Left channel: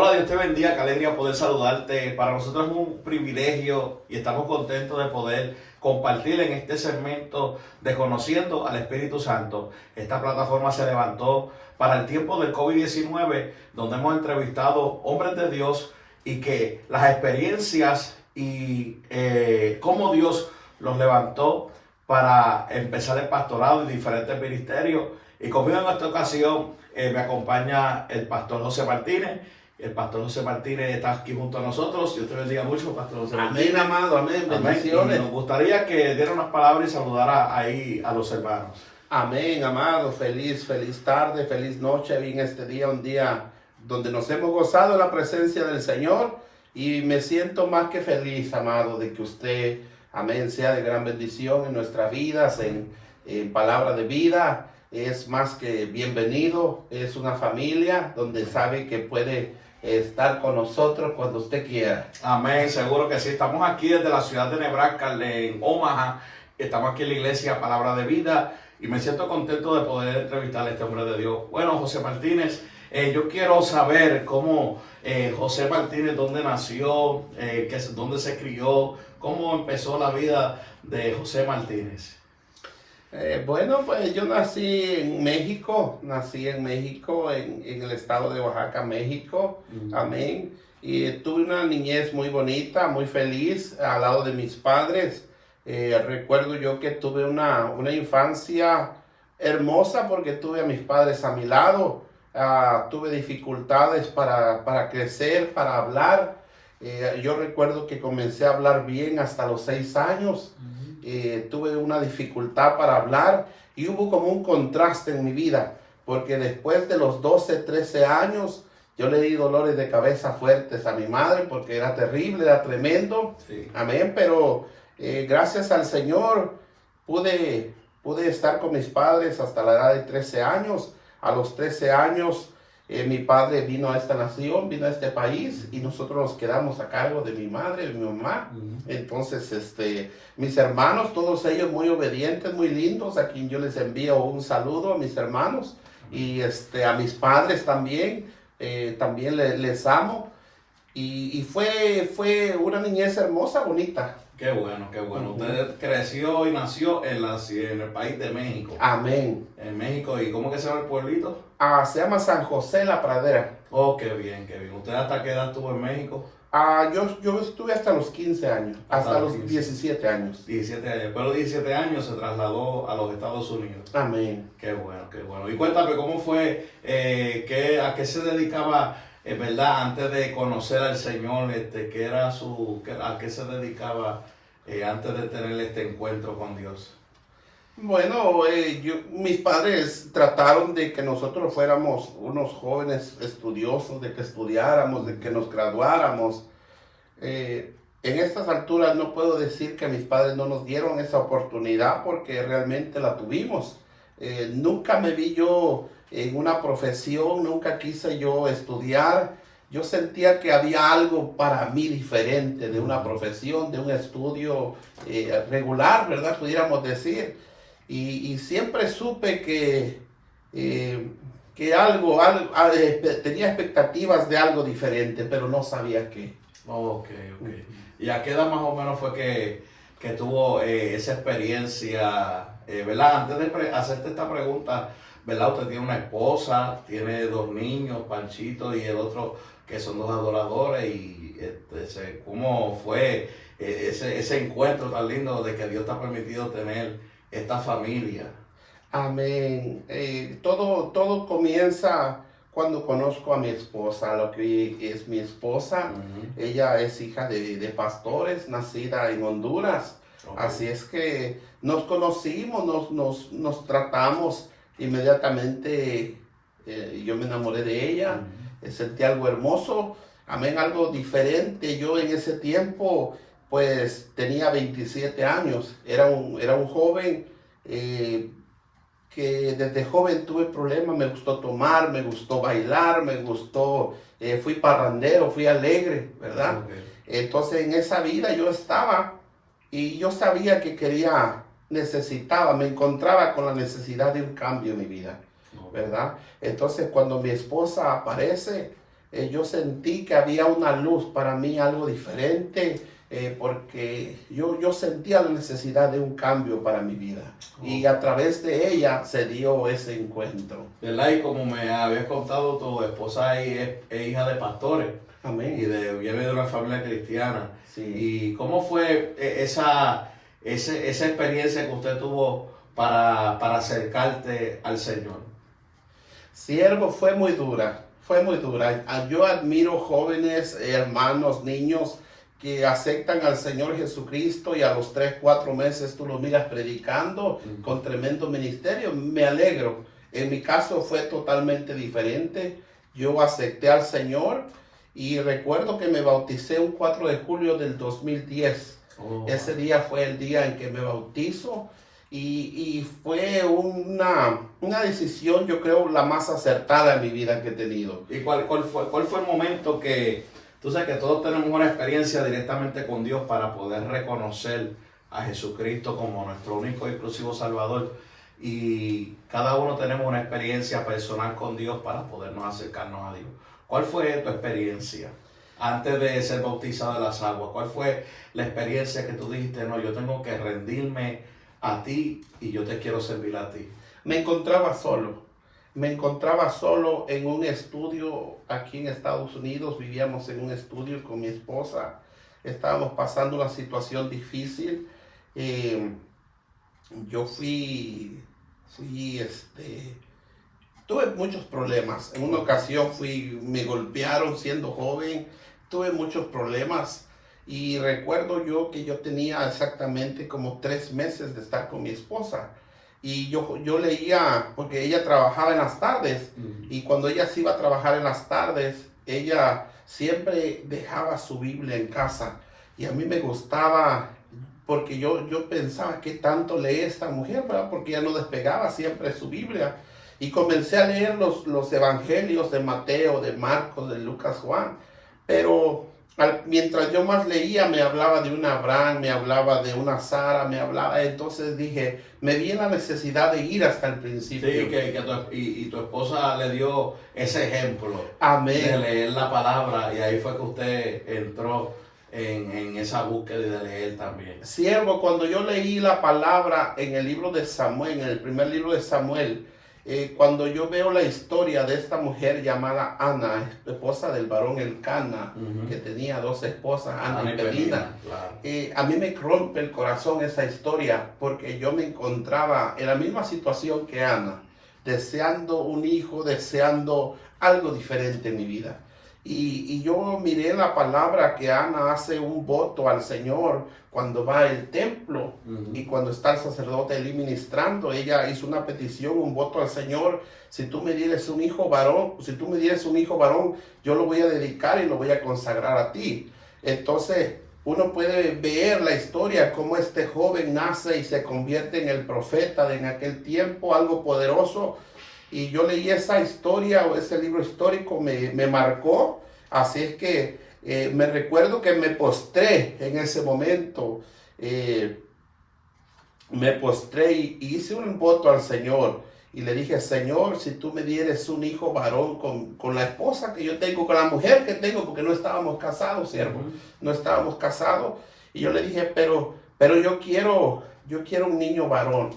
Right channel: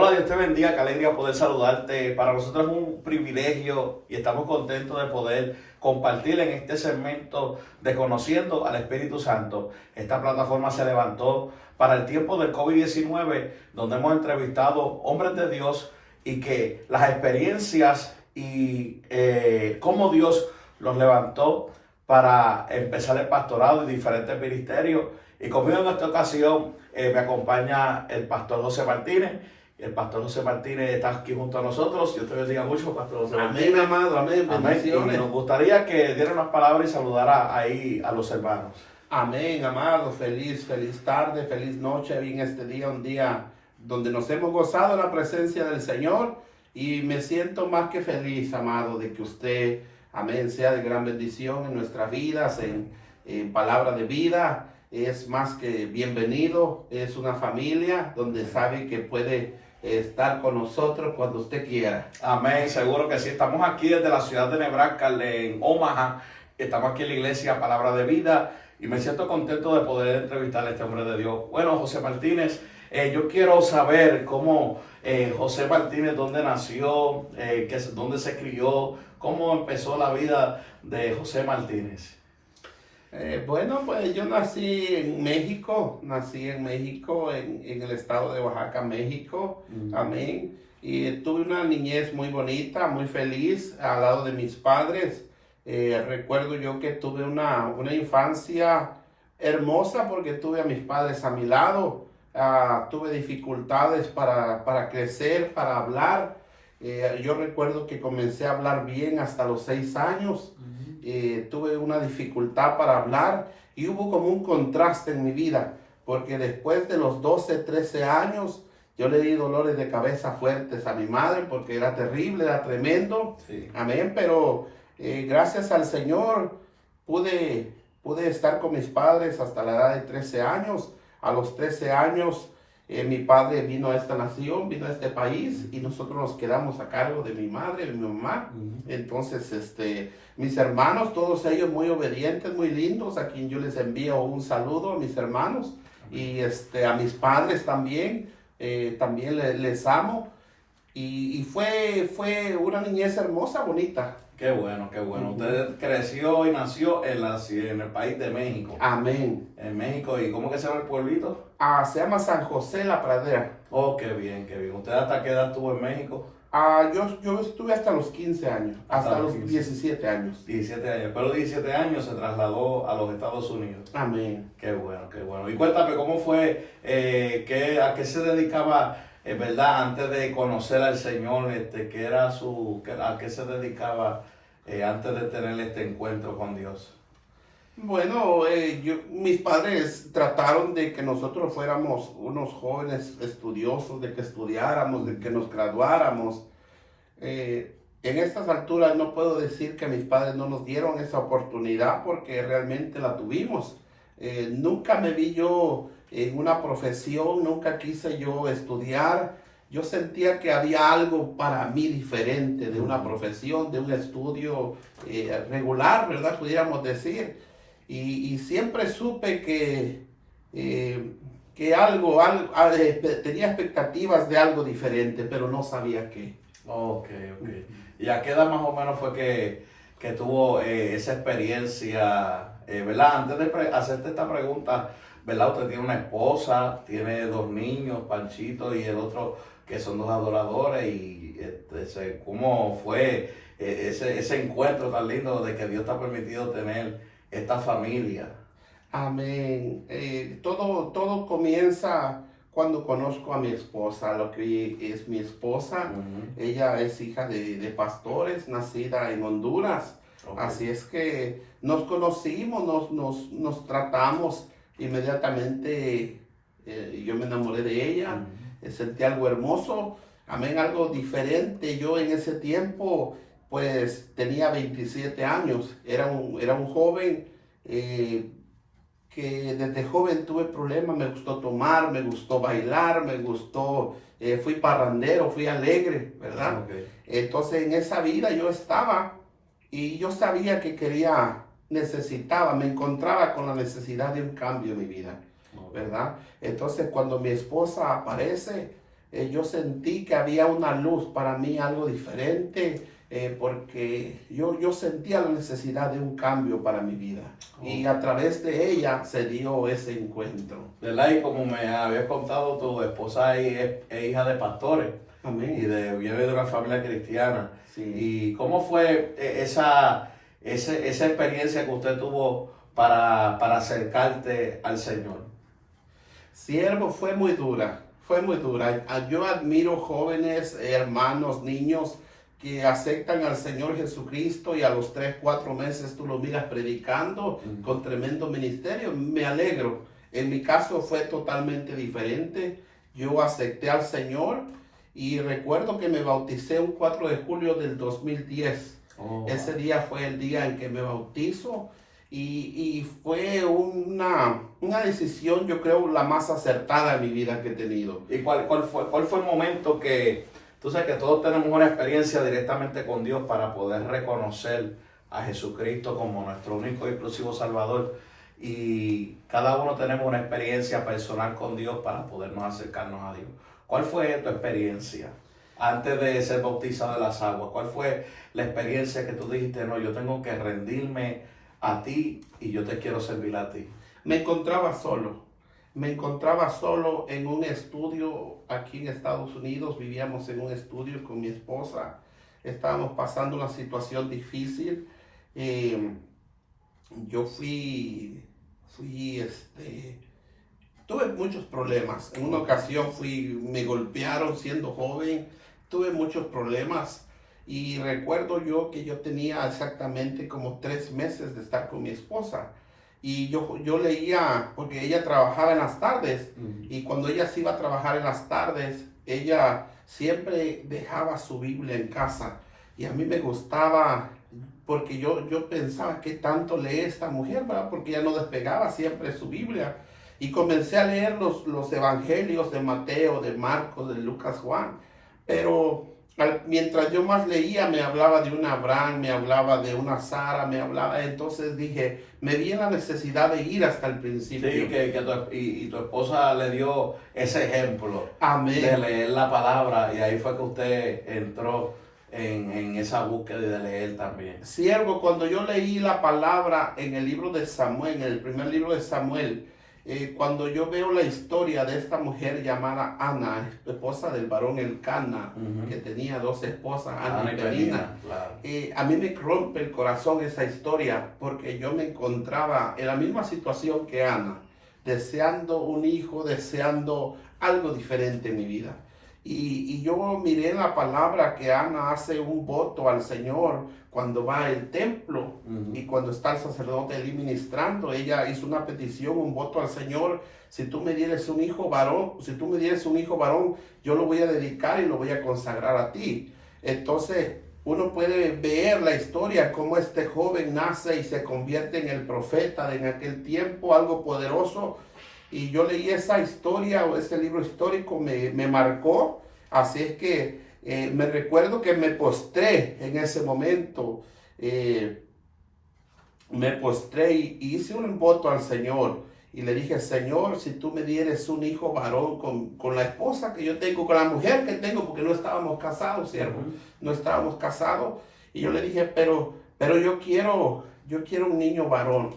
Hola, Dios te bendiga, qué alegría poder saludarte. Para nosotros es un privilegio y estamos contentos de poder compartir en este segmento de Conociendo al Espíritu Santo. Esta plataforma se levantó para el tiempo del COVID-19, donde hemos entrevistado hombres de Dios y que las experiencias y cómo Dios los levantó para empezar el pastorado y diferentes ministerios. Y conmigo en esta ocasión me acompaña el pastor José Martínez. El pastor José Martínez está aquí junto a nosotros. Dios te bendiga mucho, pastor José Martínez. Amén, amado, amén, bendiciones. Y nos gustaría que diera unas palabras y saludara ahí a los hermanos. Amén, amado, feliz tarde, feliz noche. En este día, un día donde nos hemos gozado en la presencia del Señor. Y me siento más que feliz, amado, de que usted, amén, sea de gran bendición en nuestras vidas, en palabra de vida. Es más que bienvenido, es una familia donde sabe que puede estar con nosotros cuando usted quiera. Amén, seguro que sí. Estamos aquí desde la ciudad de Nebraska, en Omaha. Estamos aquí en la iglesia Palabra de Vida y me siento contento de poder entrevistar a este hombre de Dios. Bueno, José Martínez, yo quiero saber cómo José Martínez, dónde nació, dónde se crió, cómo empezó la vida de José Martínez. Bueno, pues yo nací en México, en el estado de Oaxaca, México, amén. Y tuve una niñez muy bonita, muy feliz al lado de mis padres. Recuerdo yo que tuve una infancia hermosa porque tuve a mis padres a mi lado. Tuve dificultades para crecer, para hablar. Yo recuerdo que comencé a hablar bien hasta los 6 años. Tuve una dificultad para hablar y hubo como un contraste en mi vida, porque después de los 12, 13 años, yo le di dolores de cabeza fuertes a mi madre, porque era terrible, era tremendo, sí. Amén, pero gracias al Señor pude estar con mis padres hasta la edad de 13 años. A los 13 años, mi padre vino a esta nación, vino a este país y nosotros nos quedamos a cargo de mi madre, de mi mamá. Entonces, mis hermanos, todos ellos muy obedientes, muy lindos, a quien yo les envío un saludo a mis hermanos y a mis padres también, también les amo. Y fue una niñez hermosa, bonita. Qué bueno, qué bueno. Usted creció y nació en el país de México. Amén. En México. ¿Y cómo que se llama el pueblito? Se llama San José La Pradera. Oh, qué bien, qué bien. ¿Usted hasta qué edad estuvo en México? Yo estuve hasta los 15 años, hasta los 15. 17 años. 17 años, pero 17 años se trasladó a los Estados Unidos. Amén. Qué bueno, qué bueno. Y cuéntame, ¿cómo fue, a qué se dedicaba, verdad, antes de conocer al Señor, a qué se dedicaba antes de tener este encuentro con Dios? Bueno, mis padres trataron de que nosotros fuéramos unos jóvenes estudiosos, de que estudiáramos, de que nos graduáramos. En estas alturas no puedo decir que mis padres no nos dieron esa oportunidad porque realmente la tuvimos. Nunca me vi yo en una profesión, nunca quise yo estudiar. Yo sentía que había algo para mí diferente de una profesión, de un estudio regular, ¿verdad? Pudiéramos decir. Y siempre supe que tenía expectativas de algo diferente, pero no sabía qué. Ok. ¿Y a qué edad más o menos fue que tuvo esa experiencia, verdad? Antes de hacerte esta pregunta, ¿verdad? Usted tiene una esposa, tiene 2 niños, Panchito y el otro, que son 2 adoradores. Y ¿cómo fue ese encuentro tan lindo de que Dios te ha permitido tener esta familia? Amén. Todo comienza cuando conozco a mi esposa, lo que es mi esposa. Ella es hija de pastores, nacida en Honduras. Okay. Así es que nos conocimos, nos tratamos inmediatamente. Yo me enamoré de ella, sentí algo hermoso, amén, algo diferente. Yo en ese tiempo pues tenía 27 años, era un joven que desde joven tuve problemas, me gustó tomar, me gustó bailar, fui parrandero, fui alegre, ¿verdad? Okay. Entonces en esa vida yo estaba y yo sabía que me encontraba con la necesidad de un cambio en mi vida, ¿verdad? Entonces cuando mi esposa aparece, yo sentí que había una luz para mí, algo diferente, porque yo sentía la necesidad de un cambio para mi vida. Y a través de ella se dio ese encuentro. ¿Verdad? Y como me habías contado, tu esposa es hija de pastores y Amén. viene de una familia cristiana. Sí. ¿Y cómo fue esa experiencia que usted tuvo para acercarte al Señor? Siervo, fue muy dura, fue muy dura. Yo admiro jóvenes, hermanos, niños que aceptan al Señor Jesucristo y a los 3, 4 meses tú lo miras predicando con tremendo ministerio. Me alegro. En mi caso fue totalmente diferente. Yo acepté al Señor y recuerdo que me bauticé un 4 de julio del 2010. Ese día fue el día en que me bautizo. Y fue una decisión, yo creo, la más acertada en mi vida que he tenido. ¿Y cuál fue el momento que, tú sabes que todos tenemos una experiencia directamente con Dios para poder reconocer a Jesucristo como nuestro único y exclusivo Salvador? Y cada uno tenemos una experiencia personal con Dios para podernos acercarnos a Dios. ¿Cuál fue tu experiencia antes de ser bautizado en las aguas? ¿Cuál fue la experiencia que tú dijiste, no, yo tengo que rendirme a ti y yo te quiero servir a ti? Me encontraba solo en un estudio aquí en Estados Unidos. Vivíamos en un estudio con mi esposa, estábamos pasando una situación difícil. Yo tuve muchos problemas. En una ocasión me golpearon siendo joven, tuve muchos problemas. Y recuerdo yo que yo tenía exactamente como 3 meses de estar con mi esposa. Y yo leía, porque ella trabajaba en las tardes, y cuando ella se iba a trabajar en las tardes, ella siempre dejaba su Biblia en casa. Y a mí me gustaba, porque yo pensaba, ¿qué tanto lee esta mujer, verdad? Porque ella no despegaba siempre su Biblia. Y comencé a leer los evangelios de Mateo, de Marcos, de Lucas, Juan. Pero mientras yo más leía, me hablaba de una Abraham, me hablaba de una Sara, entonces dije, me vi en la necesidad de ir hasta el principio. Sí, y tu esposa le dio ese ejemplo. Amén. De leer la palabra, y ahí fue que usted entró en esa búsqueda de leer también. Siervo, cuando yo leí la palabra en el libro de Samuel, en el primer libro de Samuel, cuando yo veo la historia de esta mujer llamada Ana, esposa del varón Elcana, que tenía 2 esposas, Ana y Penina, claro. A mí me rompe el corazón esa historia, porque yo me encontraba en la misma situación que Ana, deseando un hijo, deseando algo diferente en mi vida. Y yo miré en la palabra que Ana hace un voto al Señor cuando va al templo, y cuando está el sacerdote allí ministrando, ella hizo una petición, un voto al Señor: si tú me dieres un hijo varón, yo lo voy a dedicar y lo voy a consagrar a ti. Entonces uno puede ver la historia, cómo este joven nace y se convierte en el profeta de en aquel tiempo, algo poderoso. Y yo leí esa historia, o ese libro histórico, me marcó. Así es que me recuerdo que me postré en ese momento. Me postré y hice un voto al Señor. Y le dije: Señor, si tú me dieres un hijo varón con la esposa que yo tengo, con la mujer que tengo, porque no estábamos casados, siervo. No estábamos casados. Y yo le dije, pero yo quiero un niño varón.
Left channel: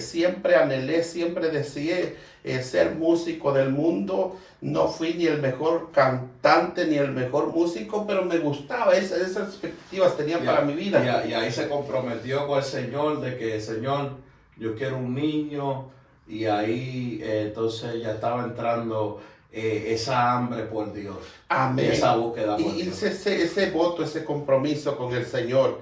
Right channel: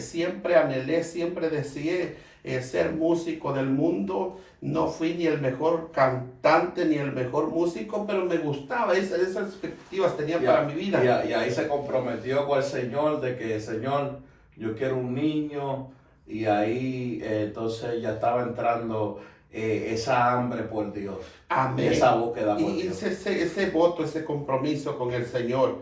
Siempre anhelé, siempre deseé ser músico del mundo. No fui ni el mejor cantante ni el mejor músico, pero me gustaba, esas expectativas tenía para mi vida. Y ahí se comprometió con el Señor de que, Señor, yo quiero un niño. Y ahí entonces ya estaba entrando esa hambre por Dios. Amén. Esa búsqueda por y Dios. Ese voto, ese compromiso con el Señor.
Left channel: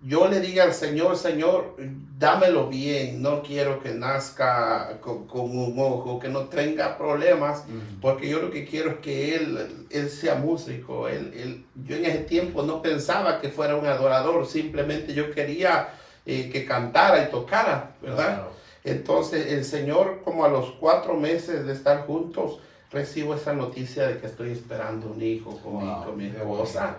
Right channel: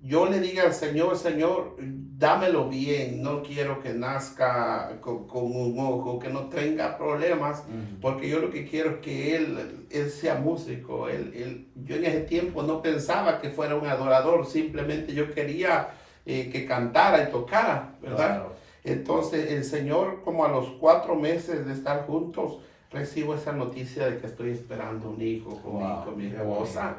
Yo le diga al Señor: Señor, dámelo bien, no quiero que nazca con un ojo, que no tenga problemas, porque yo lo que quiero es que él sea músico. Yo en ese tiempo no pensaba que fuera un adorador, simplemente yo quería que cantara y tocara, ¿verdad? Claro. Entonces el Señor, como a los 4 meses de estar juntos, recibo esa noticia de que estoy esperando un hijo con mi esposa.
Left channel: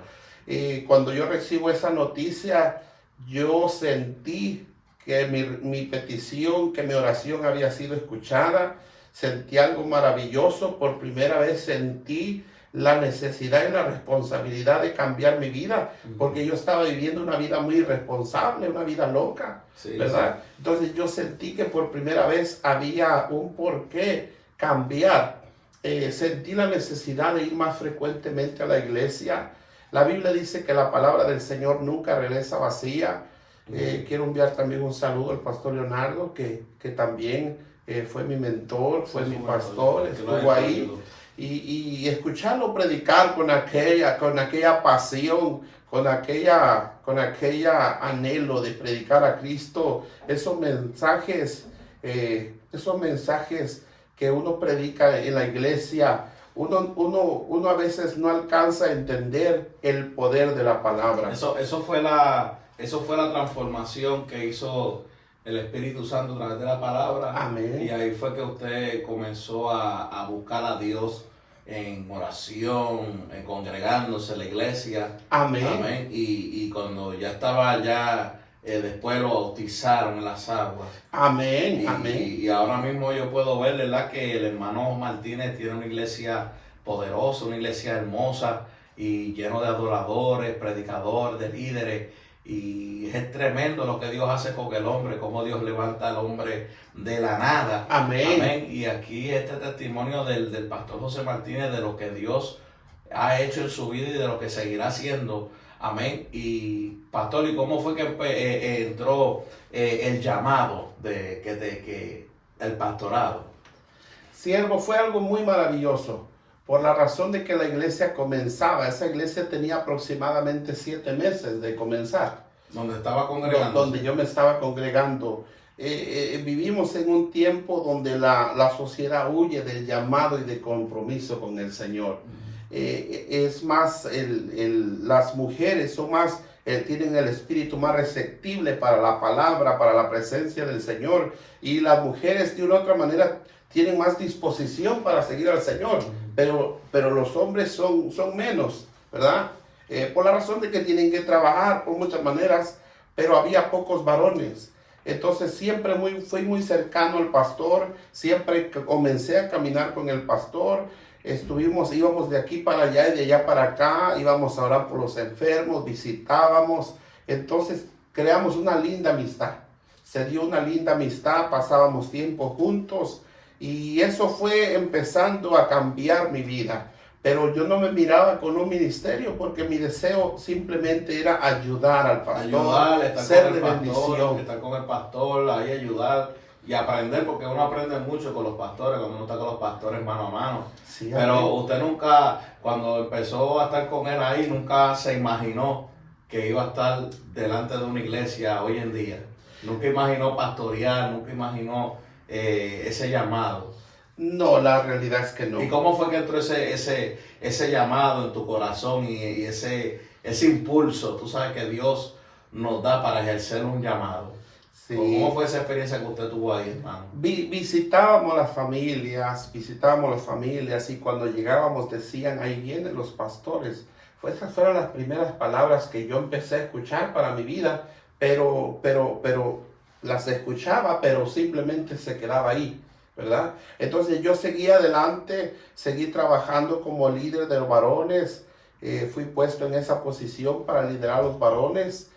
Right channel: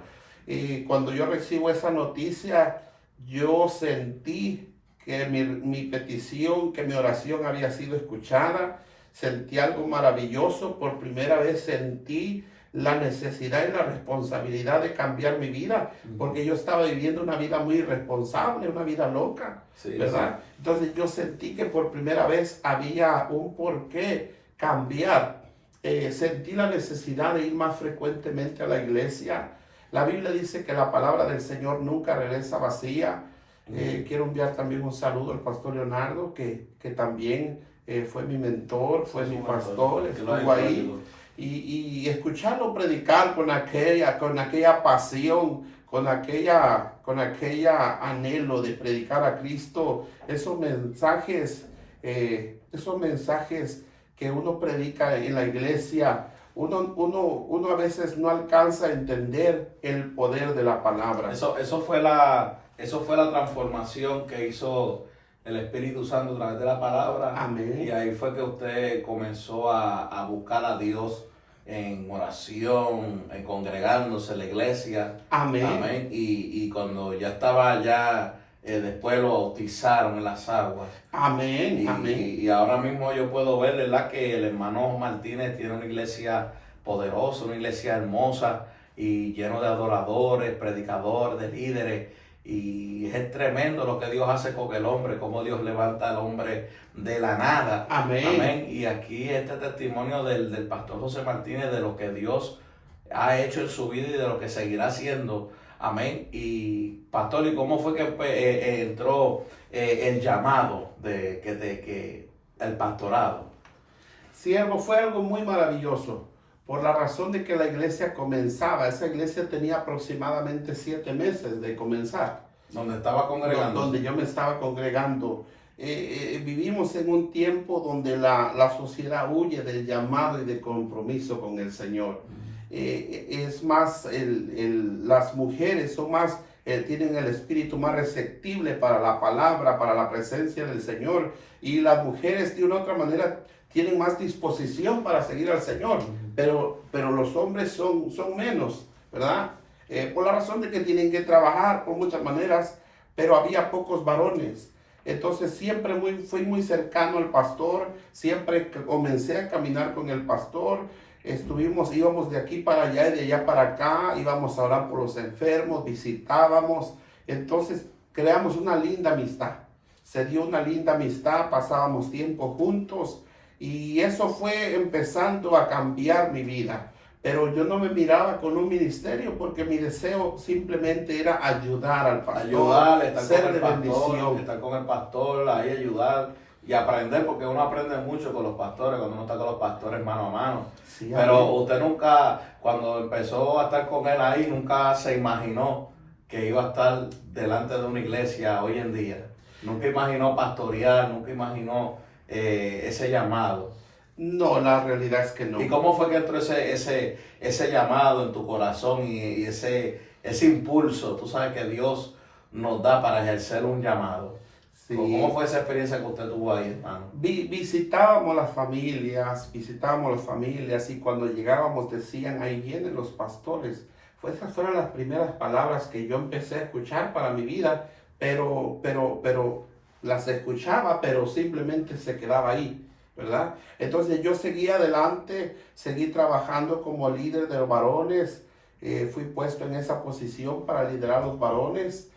Cuando yo recibo esa noticia, yo sentí que mi petición, que mi oración había sido escuchada. sentí algo maravilloso. Por primera vez sentí la necesidad y la responsabilidad de cambiar mi vida, porque yo estaba viviendo una vida muy irresponsable, una vida loca, Sí, ¿verdad? sí. Entonces yo sentí que por primera vez había un porqué cambiar. Sentí la necesidad de ir más frecuentemente a la iglesia. La Biblia dice que la palabra del Señor nunca regresa vacía. Quiero enviar también un saludo al pastor Leonardo, que también fue mi mentor, fue mi pastor, estuvo ahí. Y escucharlo predicar con aquella pasión, con aquella anhelo de predicar a Cristo, esos mensajes que uno predica en la iglesia, uno a veces no alcanza a entender el poder de la palabra. Eso fue la transformación que hizo el Espíritu Santo a través de la palabra. Amén. Y ahí fue que usted comenzó a buscar a Dios en oración, en congregándose en la iglesia. Amén. Amén. Y cuando ya estaba después lo bautizaron en las aguas. Amén. Amén. Y ahora mismo yo puedo ver, ¿verdad?, que el hermano Martínez tiene una iglesia poderosa, una iglesia hermosa y lleno de adoradores, predicadores, de líderes. Y es tremendo lo que Dios hace con el hombre, cómo Dios levanta al hombre de la nada. Amén. Amén. Y aquí este testimonio del pastor José Martínez, de lo que Dios ha hecho en su vida y de lo que seguirá haciendo. Amén. Y pastor, ¿y cómo fue que entró el llamado de el pastorado? Siervo, fue algo muy maravilloso, por la razón de que la iglesia comenzaba. Esa iglesia tenía aproximadamente 7 meses de comenzar. Donde estaba congregando. Donde yo me estaba congregando. Vivimos en un tiempo donde la sociedad huye del llamado y del compromiso con el Señor. Es más, las mujeres son más, tienen el espíritu más receptible para la palabra, para la presencia del Señor. Y las mujeres de una u otra manera tienen más disposición para seguir al Señor, pero los hombres son menos, ¿verdad? Por la razón de que tienen que trabajar por muchas maneras, pero había pocos varones. Entonces siempre fui muy cercano al pastor, siempre comencé a caminar con el pastor, íbamos de aquí para allá y de allá para acá, íbamos a orar por los enfermos, visitábamos, entonces creamos una linda amistad. Se dio una linda amistad, pasábamos tiempo juntos. Y eso fue empezando a cambiar mi vida. Pero yo no me miraba con un ministerio porque mi deseo simplemente era ayudar al pastor. Ayudar, estar ser con el de pastor, bendición. estar con el pastor, ahí ayudar y aprender, porque uno aprende mucho con los pastores, cuando uno está con los pastores mano a mano. Sí, pero amén. usted nunca, cuando empezó a estar con él ahí, nunca se imaginó que iba a estar delante de una iglesia hoy en día. Nunca imaginó pastorear, nunca imaginó ese llamado. No, la realidad es que no. ¿Y cómo fue que entró ese llamado en tu corazón y ese impulso? Tú sabes que Dios nos da para ejercer un llamado. Sí. ¿Cómo fue esa experiencia que usted tuvo ahí, hermano? Visitábamos las familias y cuando llegábamos decían, ahí vienen los pastores. Esas fueron las primeras palabras que yo empecé a escuchar para mi vida, pero las escuchaba, pero simplemente se quedaba ahí, ¿verdad? Entonces yo seguí adelante, seguí trabajando como líder de los varones, fui puesto en esa posición para liderar a los varones.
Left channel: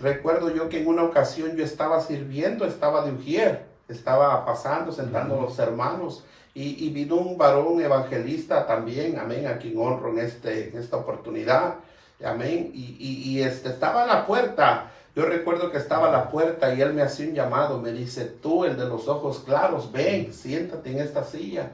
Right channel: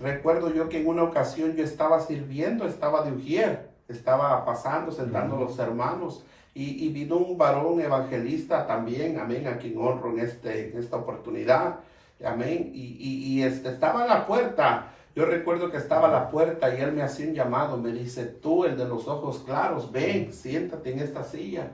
Recuerdo yo que en una ocasión yo estaba sirviendo, estaba de ujier, estaba pasando, sentando a los hermanos, y vino un varón evangelista también, amén, a quien honro en esta oportunidad, amén, y estaba en la puerta. Yo recuerdo que estaba a la puerta y él me hacía un llamado, me dice, tú, el de los ojos claros, ven, siéntate en esta silla.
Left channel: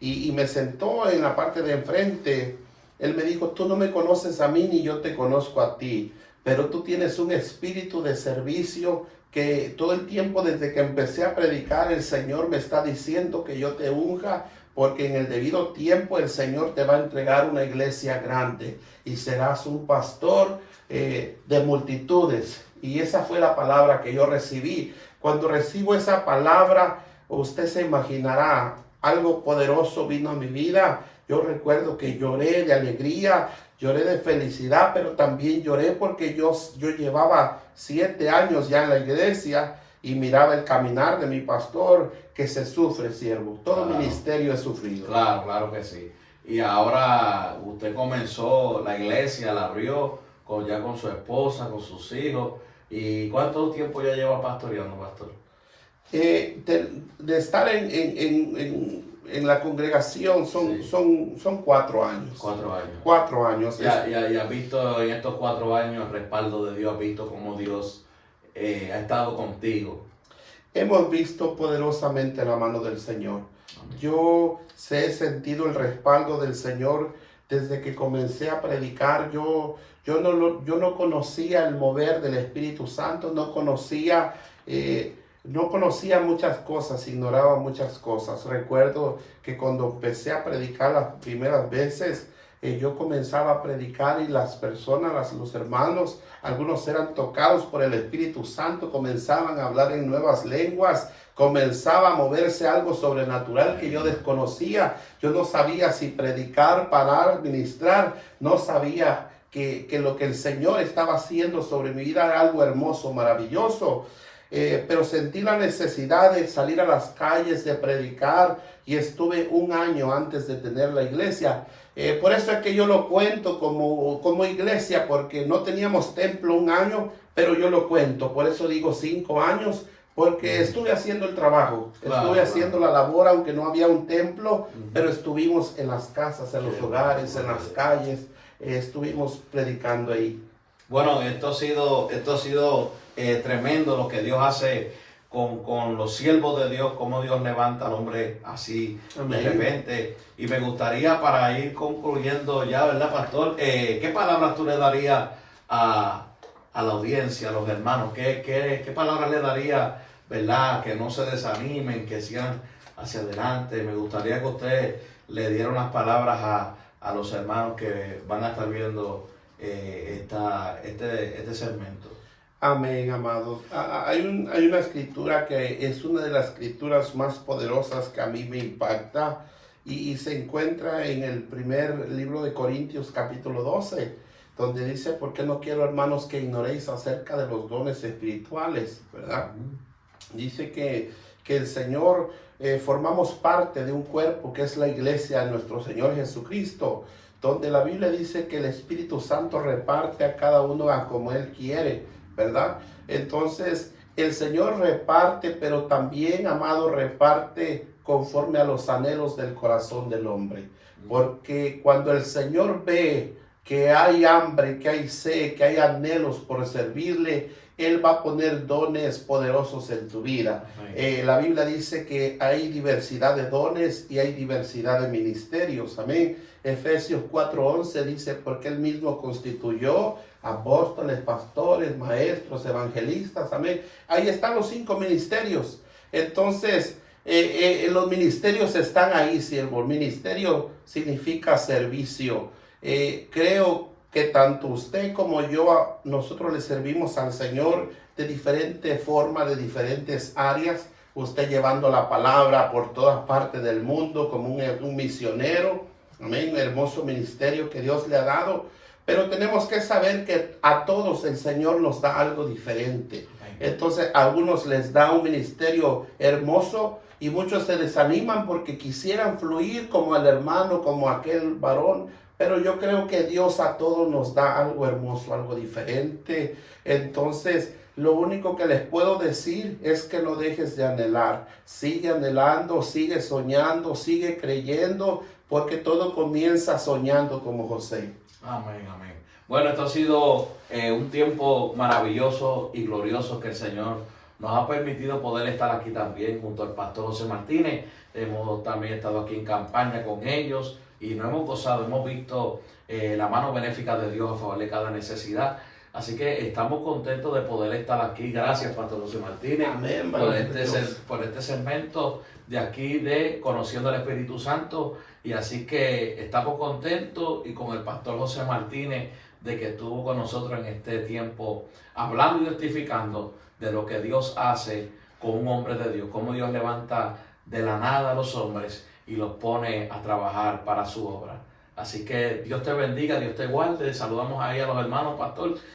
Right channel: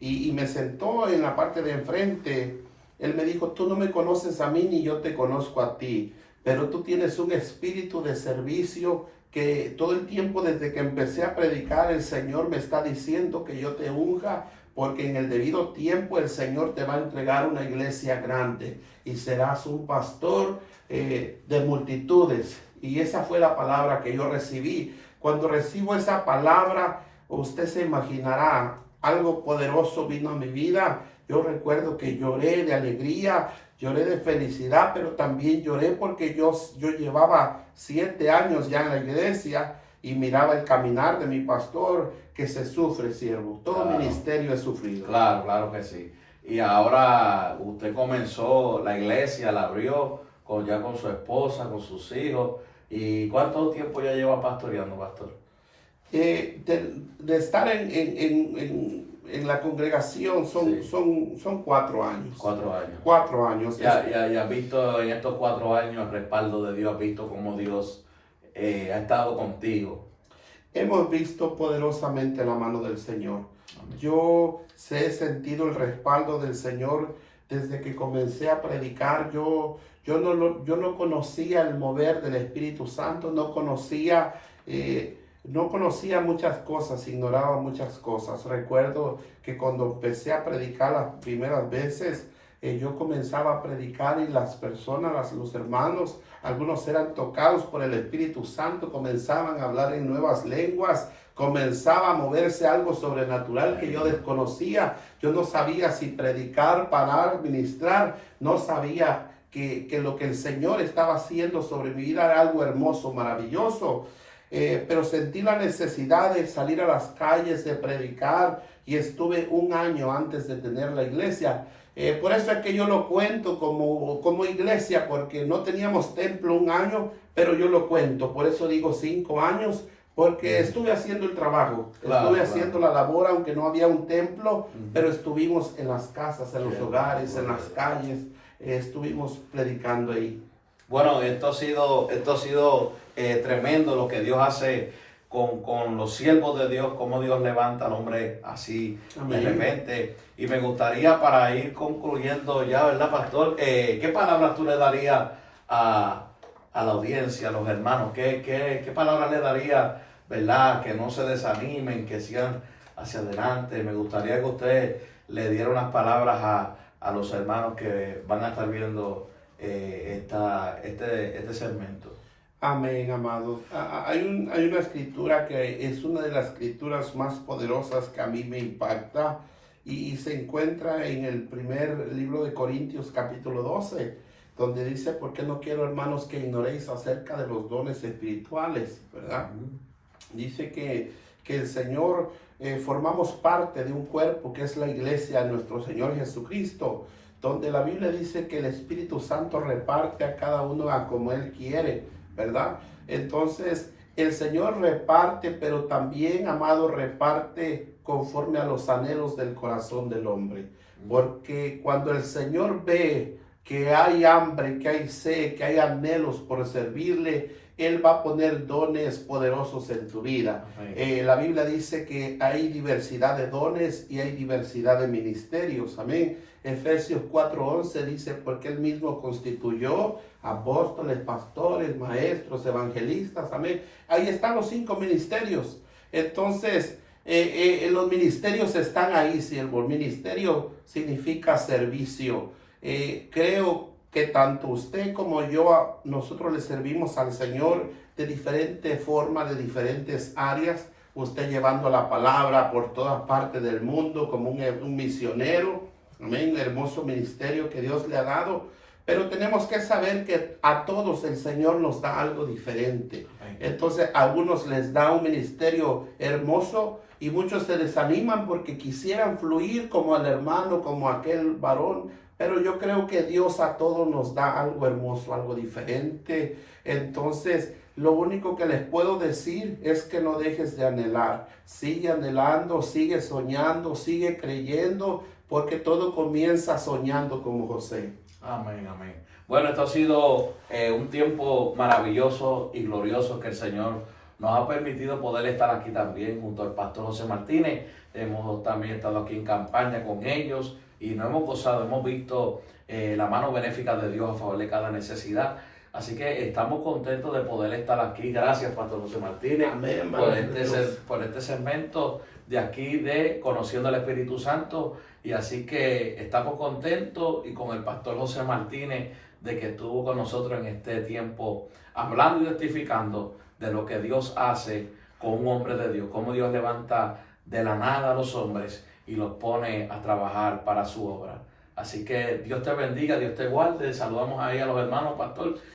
Y me sentó en la parte de enfrente. Él me dijo, tú no me conoces a mí ni yo te conozco a ti, pero tú tienes un espíritu de servicio que todo el tiempo desde que empecé a predicar el Señor me está diciendo que yo te unja, porque en el debido tiempo el Señor te va a entregar una iglesia grande y serás un pastor de multitudes. Y esa fue la palabra que yo recibí. Cuando recibo esa palabra, usted se imaginará, algo poderoso vino a mi vida. Yo recuerdo que lloré de alegría, lloré de felicidad, pero también lloré porque yo llevaba 7 años ya en la iglesia y miraba el caminar de mi pastor, que se sufre, siervo. Todo Claro. ministerio es sufrido. Claro, claro que sí. Y ahora usted comenzó la iglesia, la abrió ya con su esposa, con sus hijos. ¿Y cuánto tiempo ya lleva pastoreando, pastor? De estar en la congregación Sí. son 4 años. 4 años. 4 años. Ya has visto en estos 4 años el respaldo de Dios, has visto cómo Dios ha estado contigo. Hemos visto poderosamente la mano del Señor. Amén. Yo he sentido el respaldo del Señor desde que comencé a predicar. Yo no conocía el mover del Espíritu Santo, no conocía muchas cosas, ignoraba muchas cosas. Recuerdo que cuando empecé a predicar las primeras veces, yo comenzaba a predicar y las personas, los hermanos, algunos eran tocados por el Espíritu Santo, comenzaban a hablar en nuevas lenguas, comenzaba a moverse algo sobrenatural que yo desconocía. Yo no sabía si predicar, parar, ministrar, no sabía que lo que el Señor estaba haciendo sobre mi vida era algo hermoso, maravilloso. Pero sentí la necesidad de salir a las calles, de predicar, y estuve 1 año antes de tener la iglesia. Por eso es que yo lo cuento como iglesia, porque no teníamos templo 1 año, pero yo lo cuento. Por eso digo 5 años, porque estuve haciendo el trabajo, estuve haciendo la labor, aunque no había un templo, pero estuvimos en las casas, en los hogares, en las calles, estuvimos predicando ahí. Bueno, esto ha sido tremendo lo que Dios hace con los siervos de Dios, cómo Dios levanta al hombre así Amén. de repente. Y me gustaría, para ir concluyendo ya, ¿verdad, pastor? ¿Qué palabras tú le darías a la audiencia, a los hermanos? ¿Qué palabras le darías, verdad? Que no se desanimen, que sigan hacia adelante. Me gustaría que usted le diera unas palabras a los hermanos que van a estar viendo este segmento. Amén, amados. Hay una escritura que es una de las escrituras más poderosas que a mí me impacta y se encuentra en el primer libro de Corintios capítulo 12, donde dice: ¿por qué no quiero, hermanos, que ignoréis acerca de los dones espirituales? ¿Verdad? Dice que el Señor, formamos parte de un cuerpo que es la iglesia de nuestro Señor Jesucristo, donde la Biblia dice que el Espíritu Santo reparte a cada uno a como Él quiere, ¿verdad? Entonces, el Señor reparte, pero también, amado, reparte conforme a los anhelos del corazón del hombre. Porque cuando el Señor ve que hay hambre, que hay sed, que hay anhelos por servirle, Él va a poner dones poderosos en tu vida. La Biblia dice que hay diversidad de dones y hay diversidad de ministerios. Amén. Efesios 4:11 dice: porque Él mismo constituyó apóstoles, pastores, maestros, evangelistas. Amén. Ahí están los 5 ministerios. Entonces, los ministerios están ahí, siervo. Ministerio significa servicio. Creo que tanto usted como yo, nosotros le servimos al Señor de diferente forma, de diferentes áreas. Usted llevando la palabra por todas partes del mundo como un misionero. Amén, un hermoso ministerio que Dios le ha dado. Pero tenemos que saber que a todos el Señor nos da algo diferente. Entonces, a algunos les da un ministerio hermoso y muchos se desaniman porque quisieran fluir como el hermano, como aquel varón. Pero yo creo que Dios a todos nos da algo hermoso, algo diferente. Entonces, lo único que les puedo decir es que no dejes de anhelar. Sigue anhelando, sigue soñando, sigue creyendo, porque todo comienza soñando como José. Amén, amén. Bueno, esto ha sido un tiempo maravilloso y glorioso que el Señor nos ha permitido poder estar aquí también junto al pastor José Martínez. Hemos también estado aquí en campaña con ellos y nos hemos gozado, hemos visto la mano benéfica de Dios a favor de cada necesidad. Así que estamos contentos de poder estar aquí. Gracias, pastor José Martínez, Amén, por este segmento de aquí de Conociendo al Espíritu Santo. Y así que estamos contentos y con el pastor José Martínez de que estuvo con nosotros en este tiempo hablando y testificando de lo que Dios hace con un hombre de Dios, cómo Dios levanta de la nada a los hombres y los pone a trabajar para su obra. Así que Dios te bendiga, Dios te guarde. Saludamos ahí a los hermanos, pastor.